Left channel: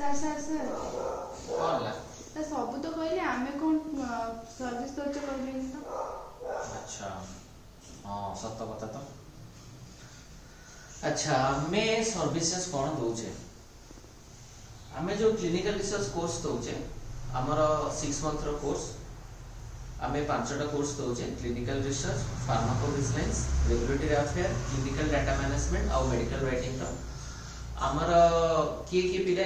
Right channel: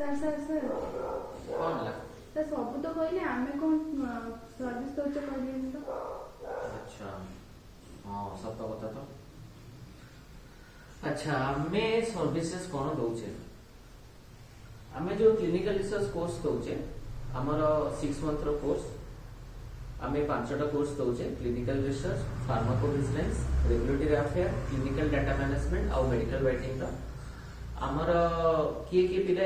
Sir sir sir କଣ ହେଲା? Sir ସବୁ ତ କହିଲେ ଆମେ କ'ଣ ସର୍ଭିସ୍ ଦେଉଛ କହିଲେନି ତ। ଆଚ୍ଛା ହଁ ସତ କଥା ତ। ଆଚ୍ଛା ଆମେ ସର୍ଭିसेସ୍ କ'ଣ ଦଉଛେ? ଆମେ जो क्लिनिकल रिसर्च कोर्स दौचे आमर 6 मंथ रो कोर्स आमे 5टा कोर्स दौचे clinical research pharmacovigilance regulatory affair clinical data management और मेडिकल राइटिंग रो आमर किए पिला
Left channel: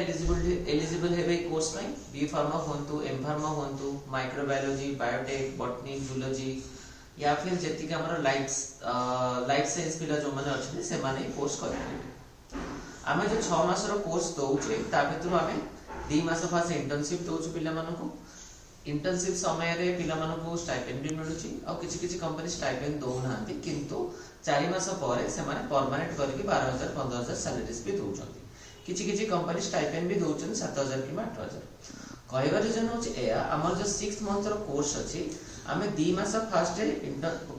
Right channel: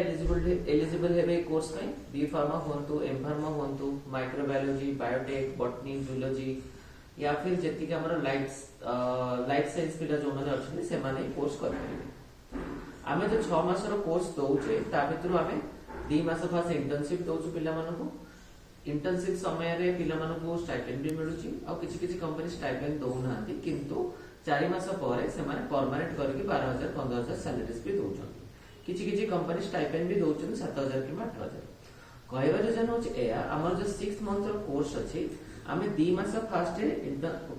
एलिजिबल हेबे कोर्स में बी फार्मा होंतु एम फार्मा होंतु माइक्रोबायोलॉजी बायोटेक बॉटनी जूलॉजी या फिर जेतिक आमर लाइफ साइंस पिला जो माने अछि से माने कोर्स करबे। आमे जो 6 मास रो कोर्स दौचे ता भितर आमे 2 मास फास इंटर्नशिप दौचु पिला मानको। इंटर्नशिप समय रे पिला मानको स्टाइपेंड भी मिलुची और किछि किछि कंपनी स्टाइपेंड दौ नांती किंतु 4 मास परे से माने परमानेंट करके 12000 15000 सैलरीज भी दौचंती। किछि किछि कंपनी स्टाइपेंड भी दौचन 7000 कि 8000। कहबा रीजन होची एया हमर जो 6 मंथ रो कोर्स अछि आमे 2 मास फास्ट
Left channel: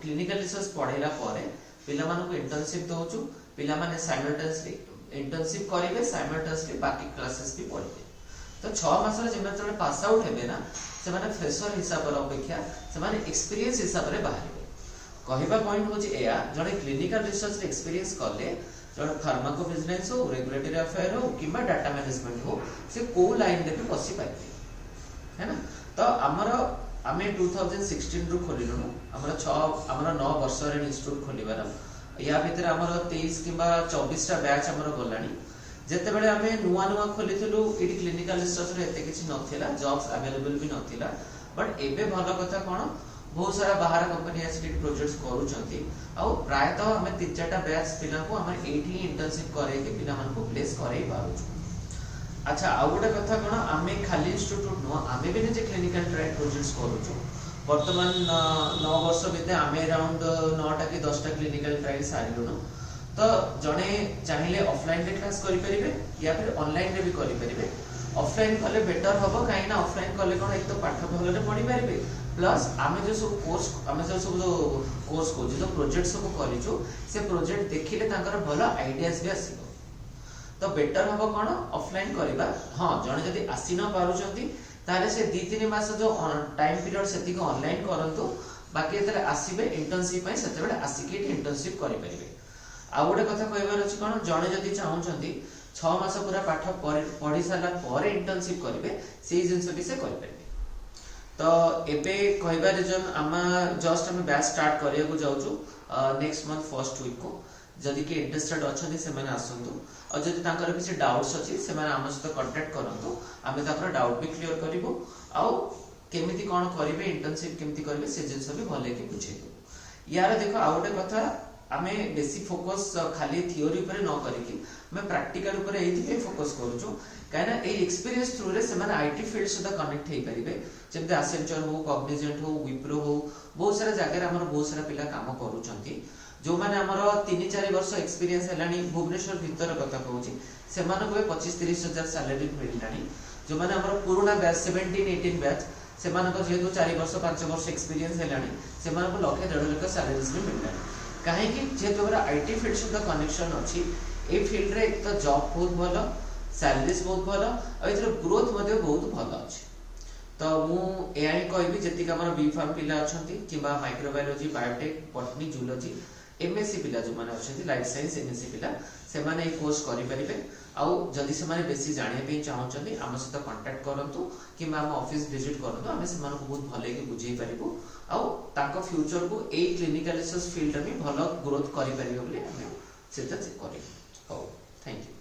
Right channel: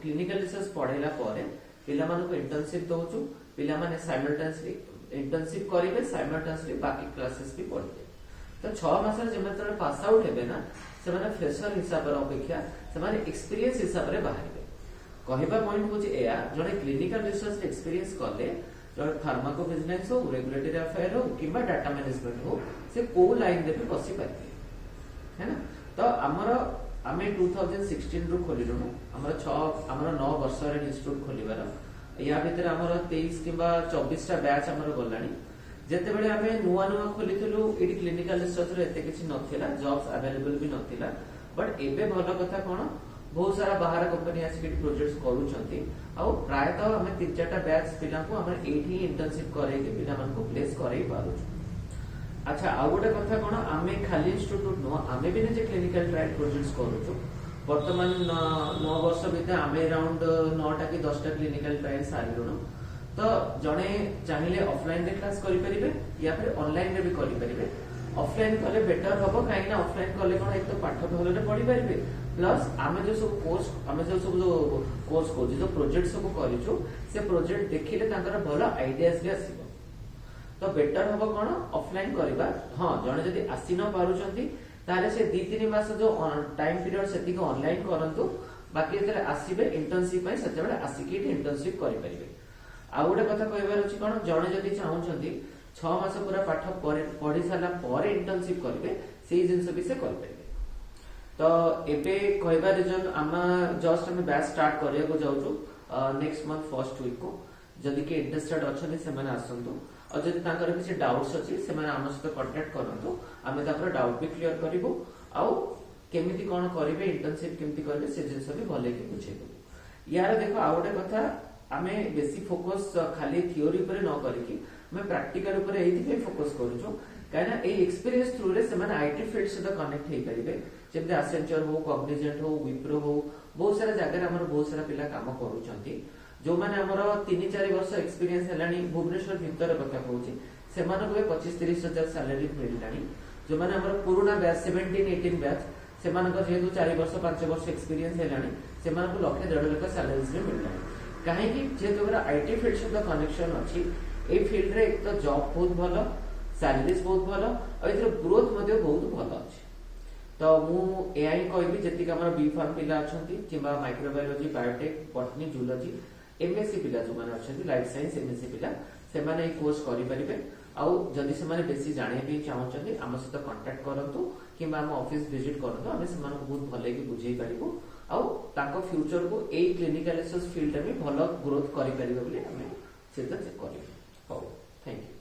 क्लिनिकल रिसर्च पढेला परे पिला मानको इंटर्नशिप दौचु पिला माने साइमल्टेनियसली इंटर्नशिप करेंगे साइमल्टेनियसली बाकी क्लासेस भी पढ़ेंगे। तो 6 मास जो पास आउट हेबे ना से माने फ्रेशर हिसाब रे अपेक्षा से माने एक्सपीरियंस हिसाब रे बाहर कहबा पॉइंट होची एया जने क्लिनिकल रिसर्च रे एक्सपीरियंस करले जने फार्माकोविजिलेंस हो रेगुलेटरी अफेयर हो किबा डाटा मैनेजमेंट हो से को लाइन दे भी बसी पाइबे है ना। तो हमर आमे 2016 रु खोलिलु हमर 9 वर्ष रे इंस्टीट्यूट खोलिबार या भीतर हमर 23 किबा 24 टा बैच हमर गलानी जेते बेले आमे नुवा नुवा खोलिथिलु एटी क्लिनिकल रिसर्च रे एते किछि नथिला जॉब्स अवेलेबल भी नथिला बट एबे भलो कथा कोन बहुत सारा बाहर कंपनी आसी प्रोजेक्ट्स करूछंती आ प्राय तो हमें 3-4टा बैच पिला को हम एठी इंटर्नशिप करे के पिला मन को प्लेस करे पारू। अच्छा आ गोटे कथा कोन आमे खाली इंस्टीट्यूट नो आमे भी जे क्लिनिकल ट्रायल प्रोजेक्ट्स करूछु वर्तमान 9 वर्ष भितर आमे अराउंड 9टा कि 10टा क्लिनिकल ट्रायल सारिलुनो। तो जने चाहिए ऑफलाइन रे क्लास करि परिबे या फिर ऑनलाइन रे भी करि परिबे। ऑफलाइन कले बेटर होबो काहे ना ऑफलाइन कले कोन एक तो पाठ भलो रे पढि परिबे प्लस आमे जो सब कोर्स आमे जो कोर्स को जो प्रोजेक्ट सब करिछु से प्रोजेक्ट देखिले तांकर भलो आइडियाज भी आसीबो। तो बेटर होबो कोन ऑफलाइन करिबा। हां जने जदी आसी न पारुचंती तारे से 2-3 मास जो टाइम पीरियड सेति को ऑनलाइन करंतु बाकी जेते आसीबे इंटर्नशिप पय सेते बेले आसीके इंटर्नशिप करि परिबे। आ गोटे कथा कहबार अछि कोन जने जदी चाहुचंती 6 मास पूरा पाठ पढि साला परे इंटर्नशिप करिवे सेही जिंस भी से करि परिबे। तो एबे कहबा रीजन आमा जस्ट हम बैच स्टार्ट करिया को जाउछु नेक्स्ट मंथ फर्स्ट वीक को जदी के इंटरेस्टेड अछंती से माने आसंतु और जदी तांकर किछि डाउट्स अछि से माने हम सहित कांटेक्ट करंतु आमे ताकर डाउट भी क्लियर करिवो आ केमिति कोन करिवे इंटर्नशिप केमिति करिवे से जिंस भी भले के बुझेबो। यार देखो आ गोटे कथा आमे बेसी फोकस खाली थ्योरी पर न करिकि मैं प्रैक्टिकल ऊपर एथि फोकस करूछु काना ए एक्सपीरियंस थ्रू रे से माने आईटी फील्ड से कनेक्ट हे परिबे जेते एसेंचर हो कॉग्निजेंट हो विप्रो हो बहुत सारा जगह हमर बहुत सारा पिला काम करूचंती जो माने हमर 3-4 वर्ष एक्सपीरियंस हेलानी भुवनेश्वर भीतर कथा कहूची से माने को 25-30 हजार सैलरी मिललानी जो माने हमर पुराना बैच 17-18 बैच से माने को जेतु 4 वर्ष 5 वर्ष एक्सपीरियंस हेलानी से माने को लाख 1.5 लाख सैलरीज में मिललानी काहे कि जेतु हमरा आईटी फील्ड से कनेक्शन अछि ए फील्ड रे एक तो जॉब बहुत भलो सैलरीज बहुत भलो और इधर ग्रोथ मध्ये बहुत भलो अछि। तो मु एआई कहबी जेतिक हमर बी फार्म पिला अछंती किबा microbiology biotech botany zoology MSc पिला जो माने अछंती लाइफ साइंस एमएससी पिला से माने ए कोर्स करि परिबे आ जदि से माने बेसी जानिया पे चाहउछंती हम सहित कांटेक्ट करंतु किबा हम ऑफिस विजिट करंतु हमें से माने बहुत भले कि बुझेई परिबो आ ताको फ्यूचर को ए क्लिनिकल रिसर्च फील्ड में भलो ग्रोथ करि परिबो बोली हम सेते करिबो। हो थैंक यू।